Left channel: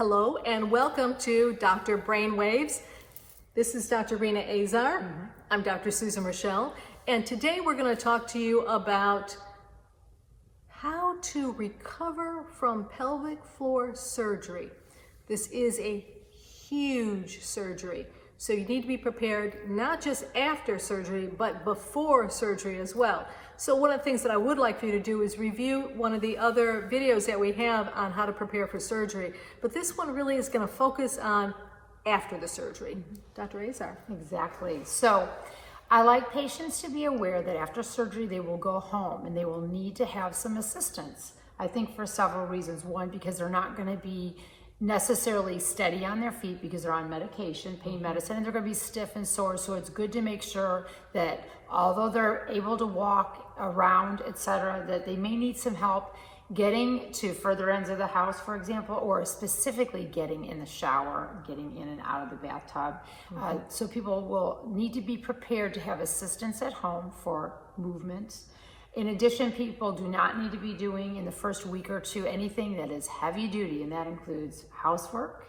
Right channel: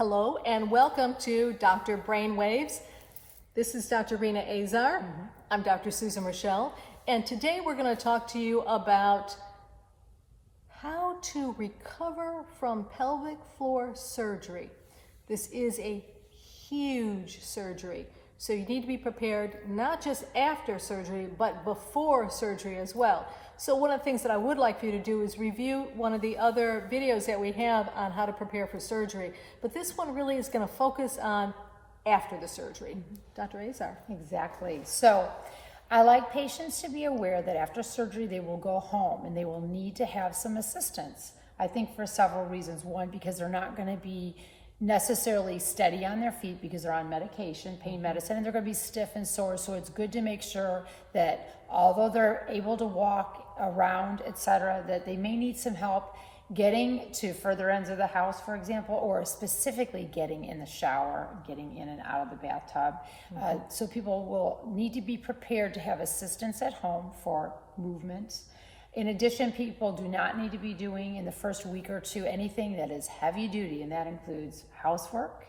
Hello and welcome to Dr. Brainwaves. This is Dr. Rena Azar. I'm Dr. Susan Raschal, and today we're going to talk to you about how to recover from pelvic floor surgery. This is a huge surgery, so you need to be prepared not just after surgery, but before surgery as well. So one of the things that I would like for you to do is review one of the other videos that we have on how to prepare for surgery. But this one really is going to focus on after the surgery. Dr. Azar. Exactly. So I like patients to be aware that after surgery they will go home and they will need to have some assistance. I think for several reasons. One, because they're not going to be necessarily steady on their feet because they're on medication, pain medicine, and they're going to be stiff and sore. So it's good to make sure that although they're able to walk around, etc., that they may need some help getting to further ends of the house, for example, or specifically getting in the shower, getting in and out of the bathtub. So people will need to be prepared to have assistance at home for movements. In addition, people do not need to be doing in the first week or two anything that is heavy duty, and that includes housework.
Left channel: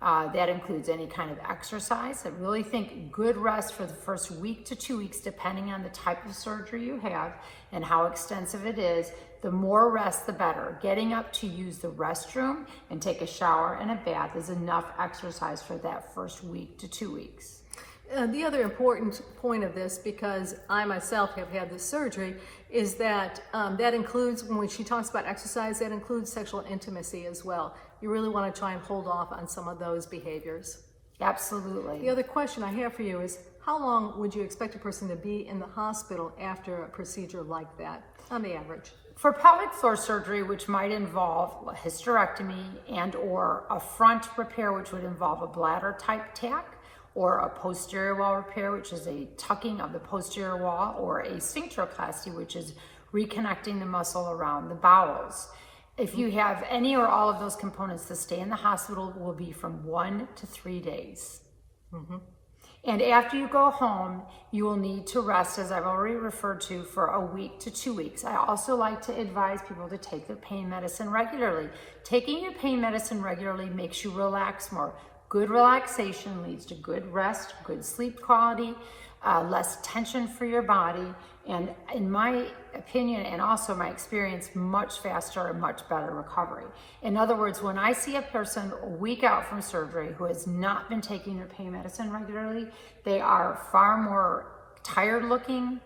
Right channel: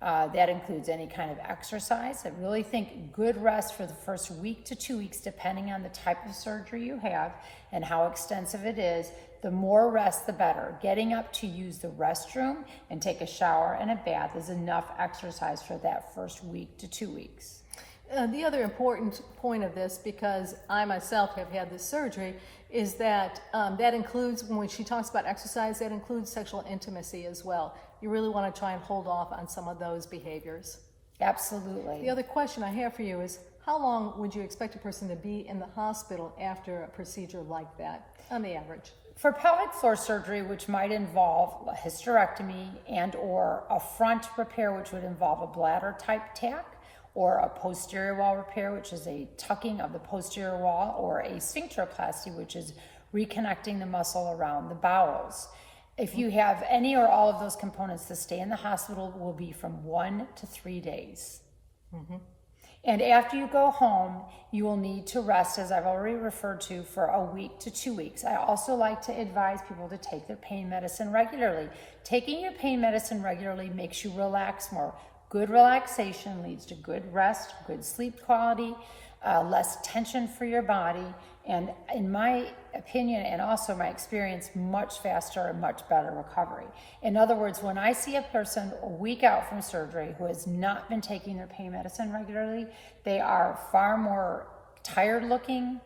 That includes any kind of exercise. I really think good rest for the first week to 2 weeks, depending on the type of surgery you have and how extensive it is. The more rest, the better. Getting up to use the restroom and take a shower and a bath is enough exercise for that first week to 2 weeks. The other important point of this, because I myself have had this surgery, is that that includes, when she talks about exercise, that includes sexual intimacy as well. You really want to try and hold off on some of those behaviors. Absolutely. The other question I have for you is, how long would you expect a person to be in the hospital after a procedure like that, on the average? For pelvic floor surgery, which might involve a hysterectomy and or a front repair, which would involve a bladder type tack, or a posterior wall repair, which is a tucking of the posterior wall, or a sphincteroplasty, which is reconnecting the muscle around the bowels. If you have any or all of those components, the stay in the hospital will be from 1 to 3 days. And after you go home, you will need to rest, as I've already referred to, for a week to 2 weeks. I also like to advise people to take their pain medicine regularly. Taking your pain medicine regularly makes you relax more. Good relaxation leads to good rest, good sleep quality, less tension for your body, and in my opinion and also my experience, much faster and much better recovery. In other words, when I see a person a week out from surgery who has not been taking their pain medicine regularly, they are far more tired looking,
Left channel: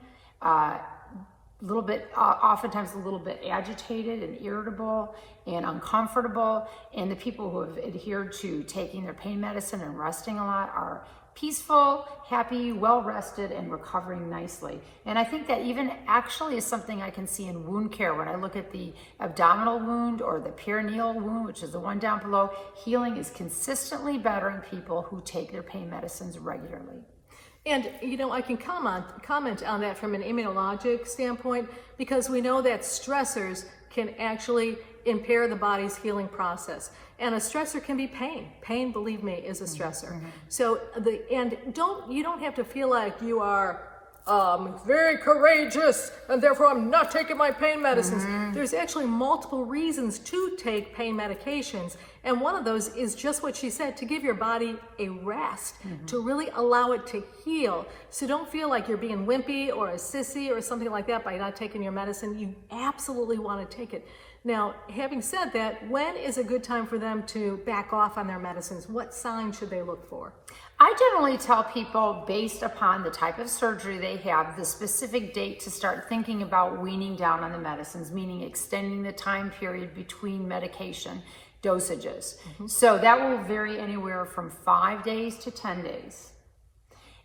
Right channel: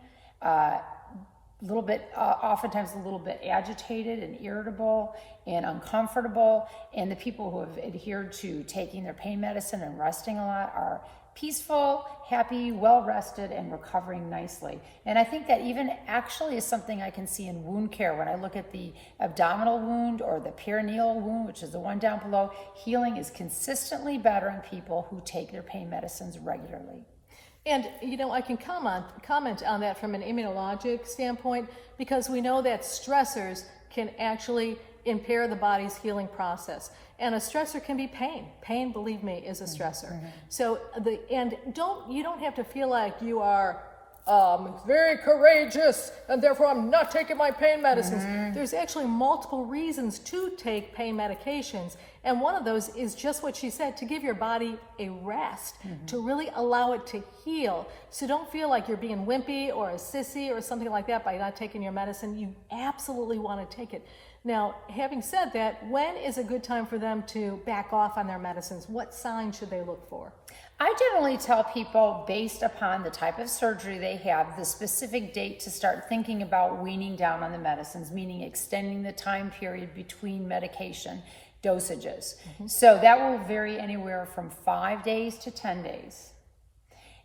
oftentimes a little bit agitated and irritable and uncomfortable. And the people who have adhered to taking their pain medicine and resting a lot are peaceful, happy, well-rested, and recovering nicely. And I think that even actually is something I can see in wound care. When I look at the abdominal wound or the perineal wound, which is the one down below, healing is consistently better in people who take their pain medicines regularly. And, you know, I can comment on that from an immunologic standpoint, because we know that stressors can actually impair the body's healing process. And a stressor can be pain. Pain, believe me, is a stressor. So, you don't have to feel like you are very courageous and therefore I'm not taking my pain medicines. There's actually multiple reasons to take pain medications, and one of those is just what she said, to give your body a rest, to really allow it to heal. So don't feel like you're being wimpy or a sissy or something like that by not taking your medicine. You absolutely want to take it. Now, having said that, when is a good time for them to back off on their medicines? What signs should they look for? I generally tell people, based upon the type of surgery they have, the specific date to start thinking about weaning down on the medicines, meaning extending the time period between medication dosages. So that will vary anywhere from 5 days to 10 days.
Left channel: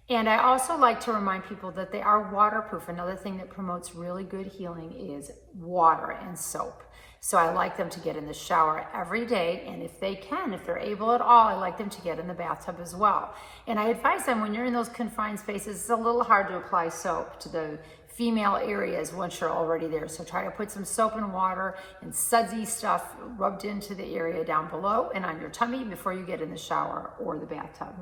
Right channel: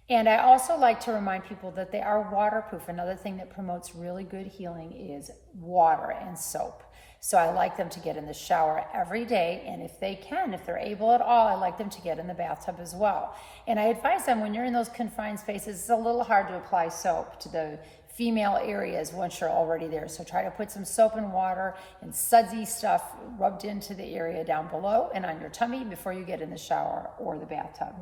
And I also like to remind people that they are waterproof. Another thing that promotes really good healing is water and soap. So I like them to get in the shower every day, and if they can, if they're able at all, I like them to get in the bathtub as well. And I advise them, when you're in those confined spaces, it's a little hard to apply soap to the female areas once you're already there. So try to put some soap and water and sudsy stuff rubbed into the area down below and on your tummy before you get in the shower or the bathtub.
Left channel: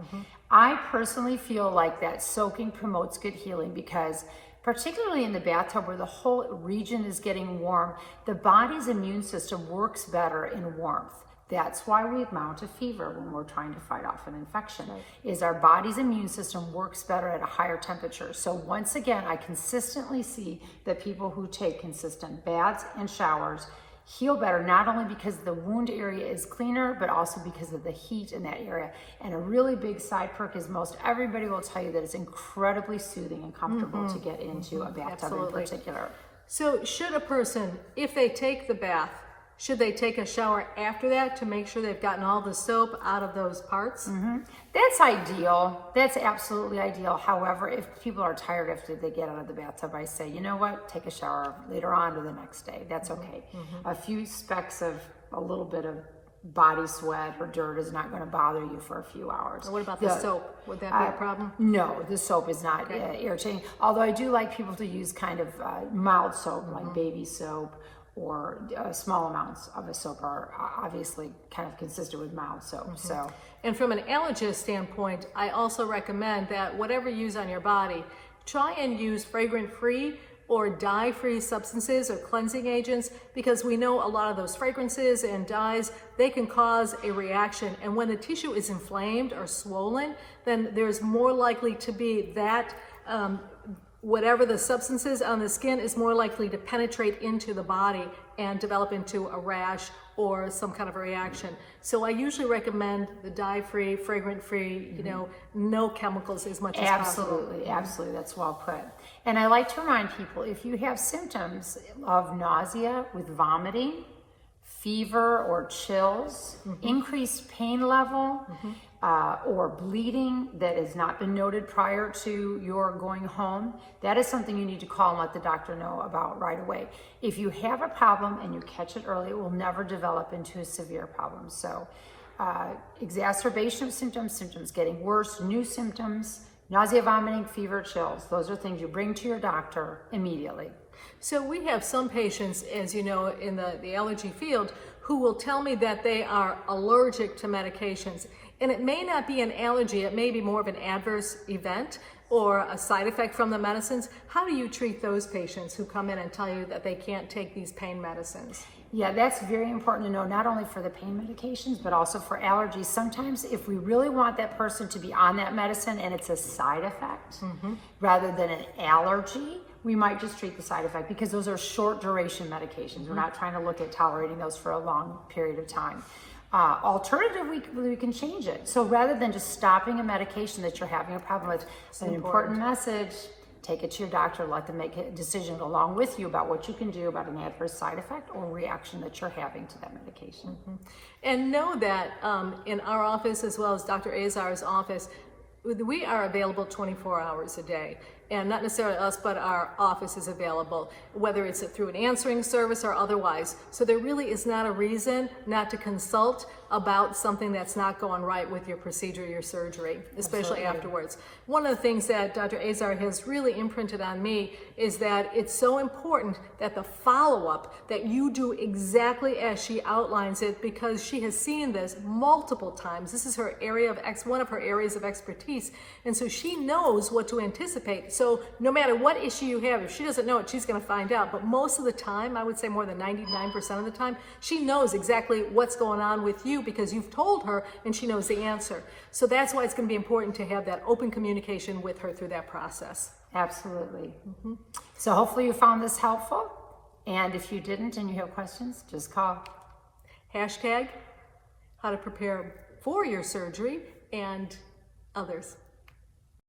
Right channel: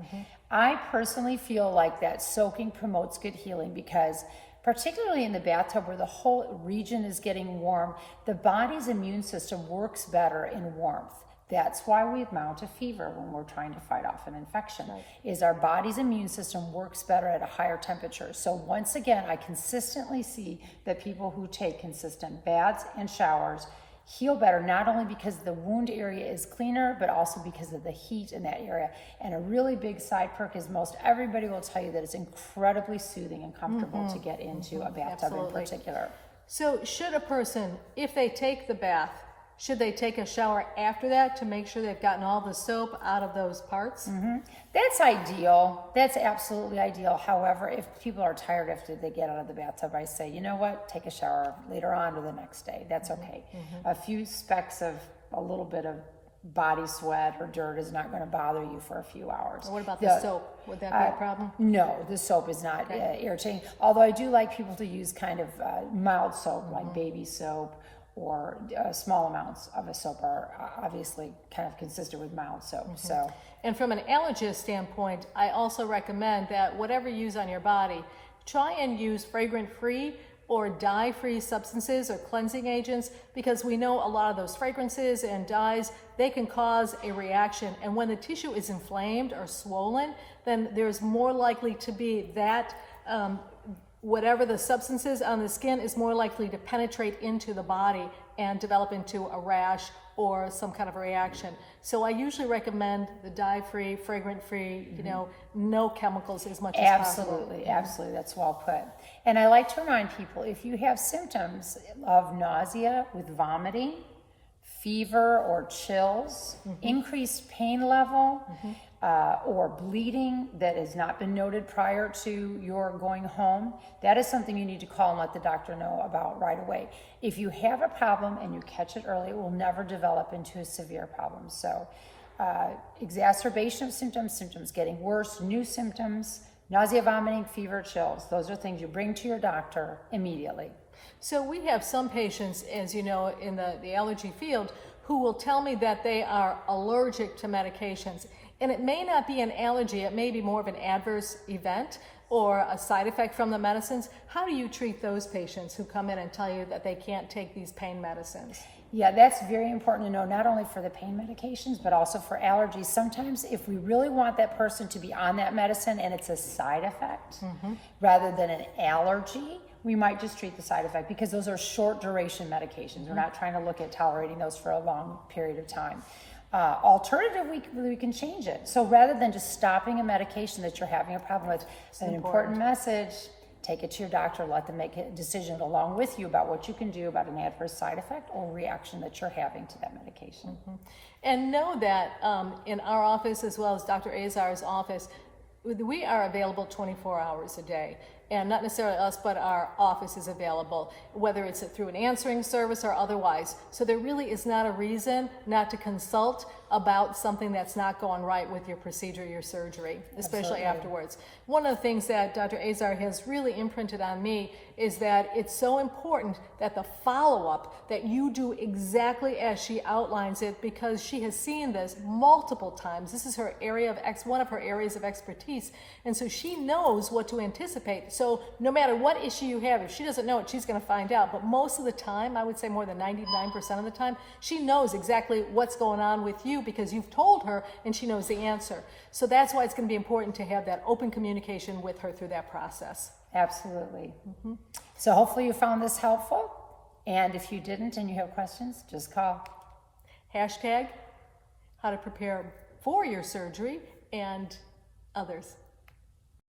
I personally feel like that soaking promotes good healing, because particularly in the bathtub where the whole region is getting warm, the body's immune system works better in warmth. That's why we mount a fever when we're trying to fight off an infection, is our body's immune system works better at a higher temperature. So once again, I consistently see that people who take consistent baths and showers heal better, not only because the wound area is cleaner, but also because of the heat in that area. And a really big side perk is most everybody will tell you that it's incredibly soothing and comfortable to get into a bathtub in particular. So should a person, if they take the bath, should they take a shower after that to make sure they've gotten all the soap out of those parts? That's ideal. That's absolutely ideal. However, if people are tired after they get out of the bathtub, I say, you know what, take a shower later on or the next day. That's okay. A few specks of a little bit of body sweat or dirt is not going to bother you for a few hours. What about the soap? Would that be a problem? No, the soap is not irritating. Although I do like people to use kind of mild soap, like baby soap, or small amounts of a soap are obviously kind of consistent with mild soap. So, and from an allergist standpoint, I also recommend that whatever you use on your body, try and use fragrant-free or dye-free substances or cleansing agents, because we know a lot of those fragrances and dyes, they can cause a reaction. And when the tissue is inflamed or swollen, then there's more likely to be that whatever the substance is on the skin is more likely to penetrate into the body and develop into a rash or some kind of a reaction. So I usually recommend the dye-free, fragrant-free, you know, no chemicals as much as possible. Absolutely, that's well put. And I like to remind people, if you have symptoms of nausea with vomiting, fever or chills, increased pain level, or bleeding that has not been noted prior to your going home, that is something you need to call and let the doctor know about right away. If you have a problem and you catch it early, it will never develop into a severe problem. So exacerbation of symptoms getting worse, new symptoms, nausea, vomiting, fever, chills, those are things you bring to your doctor immediately. So we have some patients, as you know, in the allergy field, who will tell me that they are allergic to medications. And it may not be an allergy, it may be more of an adverse event or a side effect from the medicines. How do you treat those patients who come in and tell you that they can't take these pain medicines? Yeah, that's very important to know, not only for the pain medications, but also for allergies. Sometimes if we really want that person to be on that medicine and it's a side effect rather than an allergy, we might just treat the side effect, because those are short duration medications. We're not trying to look at tolerating those for a long period of time. Alternatively, we can change it. So rather than just stopping a medication that you're having a problem with, an important message, take it to your doctor, let them make a decision along with you about what you can do about an adverse side effect or reaction that you're having to that medication. And know that in our office, as well as Dr. Azar's office, we are available 24 hours a day. And not necessarily us, but our office is available, whether it's through an answering service or otherwise. So there really is not a reason not to consult about something that's not going right with your procedure, your surgery, especially afterwards. One of the things that Dr. Azar has really imprinted on me is that it's so important that the follow-up, that you do exactly as she outlines it, because she has seen this multiple times. This is her area of one of her areas of expertise, and so she knows what to anticipate. So no matter what issue you have, if she doesn't know it, she's going to find out. But most of the time, I would say more than 99% of the time, she knows exactly what's going on with you because you've told her and she knows the answer. So that's why it's going to be important to have that open communication with her through that process. Absolutely. So hopefully you found this helpful. And if you didn't and you have questions, just call. Hashtag how to prepare for your surgery and others.